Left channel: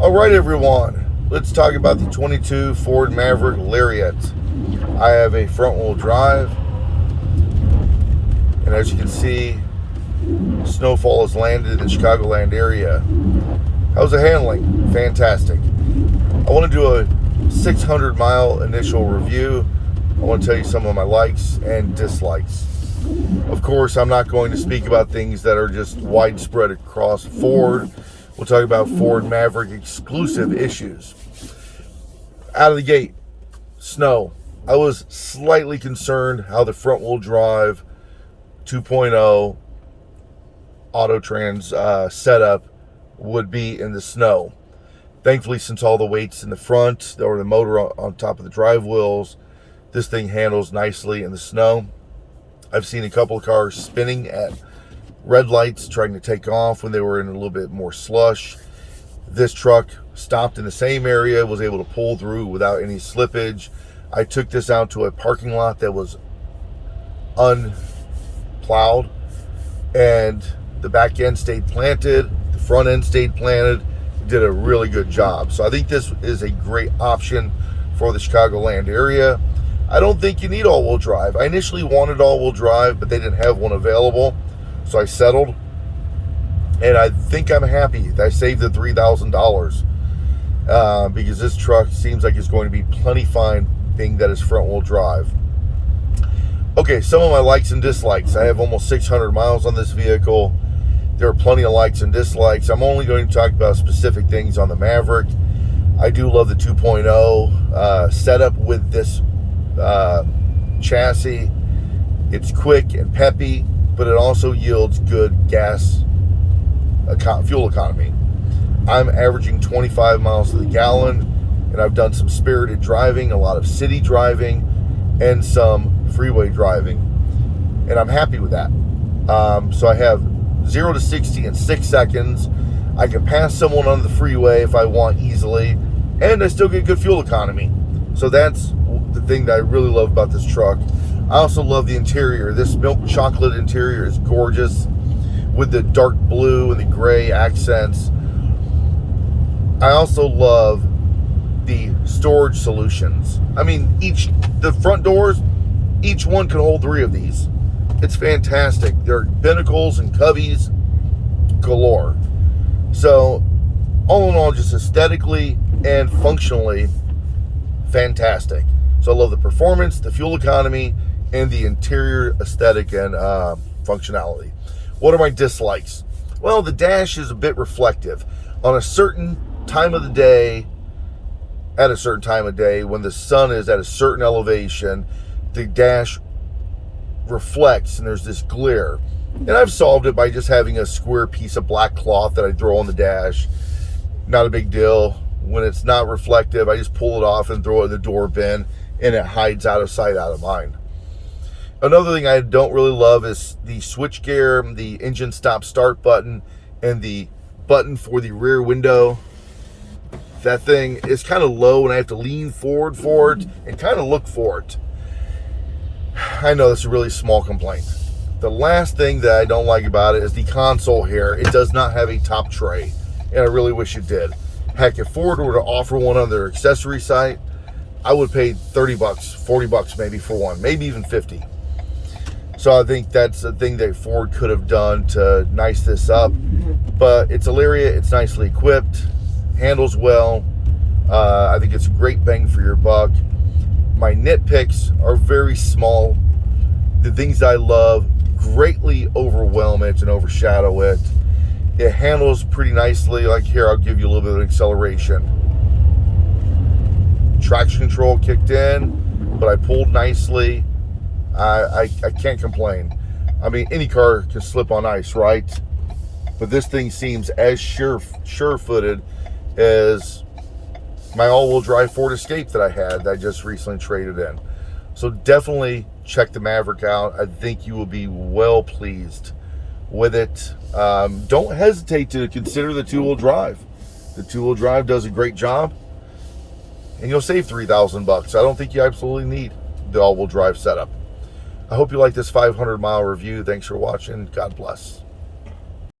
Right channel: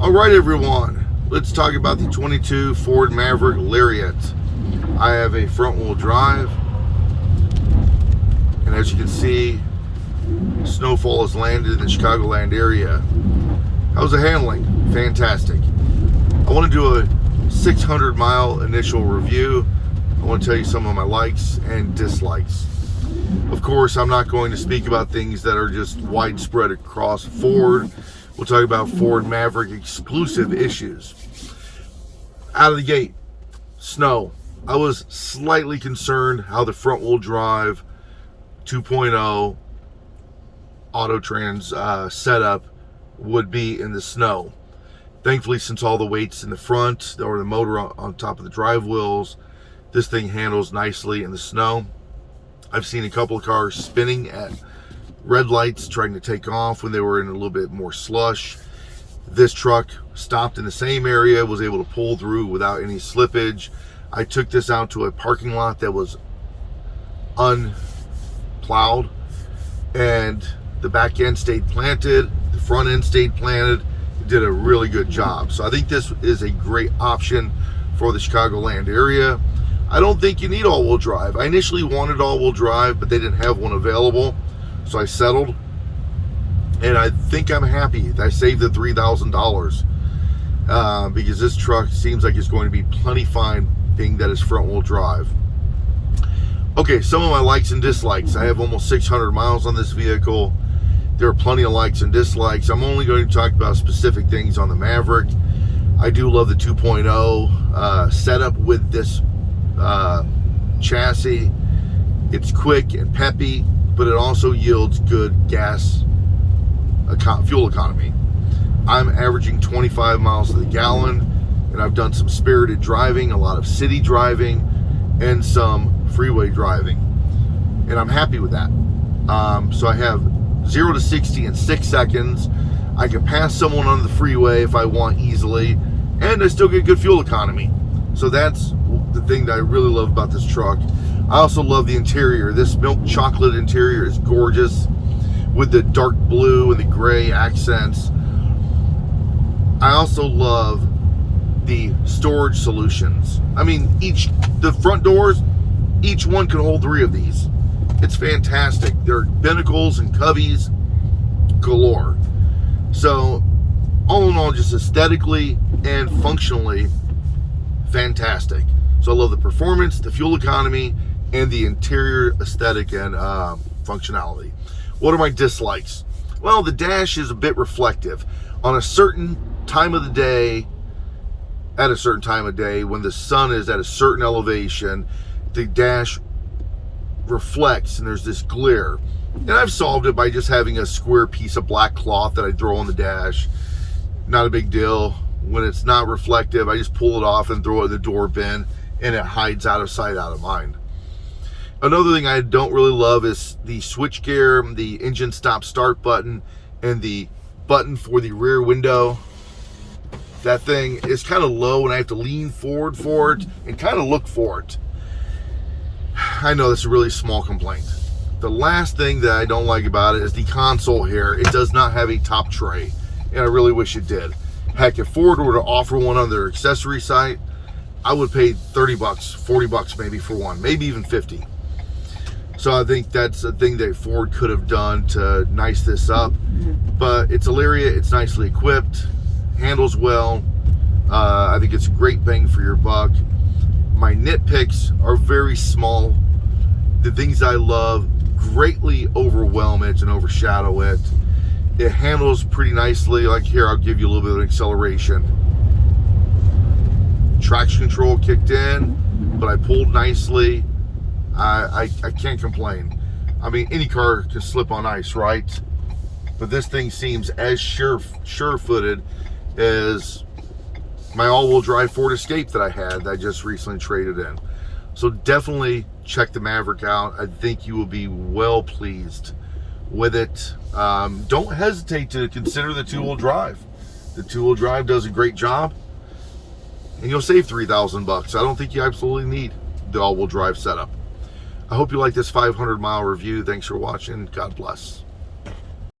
All right, everyone, let's talk about the 22 Ford Maverick Lariat. I have a front-wheel drive, and as you can see, snowfall has landed in the Chicagoland area. How's the handling? Fantastic. I want to do a 600-mile initial review. I want to tell you some of my likes and dislikes. Of course, I'm not going to speak about things that are just widespread across Ford. We'll talk about Ford Maverick exclusive issues. Out of the gate, snow. I was slightly concerned how the front-wheel drive 2.0 Autotrans setup would be in the snow. Thankfully, since all the weight's in the front or the motor on top of the drive wheels, this thing handles nicely in the snow. I've seen a couple of cars spinning at red lights trying to take off when they were in a little bit more slush. This truck stopped in the same area, was able to pull through without any slippage. I took this out to a parking lot that was unplowed, and the back end stayed planted, the front end stayed planted. Did a really good job. So I think this is a great option for the Chicagoland area. I don't think you need all-wheel drive. I initially wanted all-wheel drive, but they didn't have one available, so I settled. And I think I'm happy that I saved the $3,000 because this truck seems like it's going to be plenty fine being that it's front-wheel drive. Okay, some of my likes and dislikes. I have almost 600 miles on this vehicle. There are plenty of likes and dislikes. I'm only going to talk about specific things on the Maverick. I do love the 2.0 setup with this chassis. It's quick and peppy, but it also yields good fuel economy. I'm averaging 25 miles to the gallon, and I've done some spirited driving, a lot of city driving, and some freeway driving, and I'm happy with that. So I have 0 to 60 in 6 seconds. I can pass someone on the freeway if I want easily, and I still get good fuel economy. So that's the thing that I really love about this truck. I also love the interior. This milk chocolate interior is gorgeous with the dark blue and the gray accents. I also love the storage solutions. I mean, the front doors, each one can hold 3 of these. It's fantastic. They're binnacles and cubbies galore. So, all in all, just aesthetically and functionally, fantastic. So I love the performance, the fuel economy, and the interior aesthetic and functionality. What are my dislikes? Well, the dash is a bit reflective. On a certain time of the day, at a certain time of day, when the sun is at a certain elevation, the dash reflects and there's this glare. And I've solved it by just having a square piece of black cloth that I throw on the dash. Not a big deal. When it's not reflective, I just pull it off and throw it in the door bin, and it hides out of sight, out of mind. Another thing I don't really love is the switch gear, the engine stop start button, and the button for the rear window. That thing is kind of low, and I have to lean forward for it and kind of look for it. I know that's a really small complaint. The last thing that I don't like about it is the console here. It does not have a top tray, and I really wish it did. Heck, if Ford were to offer one on their accessory site, I would pay $30, $40 maybe for one, maybe even 50. So I think that's a thing that Ford could have done to nice this up. But it's a Lariat, it's nicely equipped, handles well. I think it's a great bang for your buck. My nitpicks are very small. The things I love greatly overwhelm it and overshadow it. It handles pretty nicely. Like here, I'll give you a little bit of acceleration. Traction control kicked in, but I pulled nicely. I can't complain. I mean, any car can slip on ice, right? But this thing seems as sure-footed as my all-wheel drive Ford Escape that I had that I just recently traded in. So definitely check the Maverick out. I think you will be well pleased with it. Don't hesitate to consider the two-wheel drive. The two-wheel drive does a great job, and you'll save $3,000. I don't think you absolutely need the all-wheel drive setup. I hope you like this 500-mile review. Thanks for watching. God bless.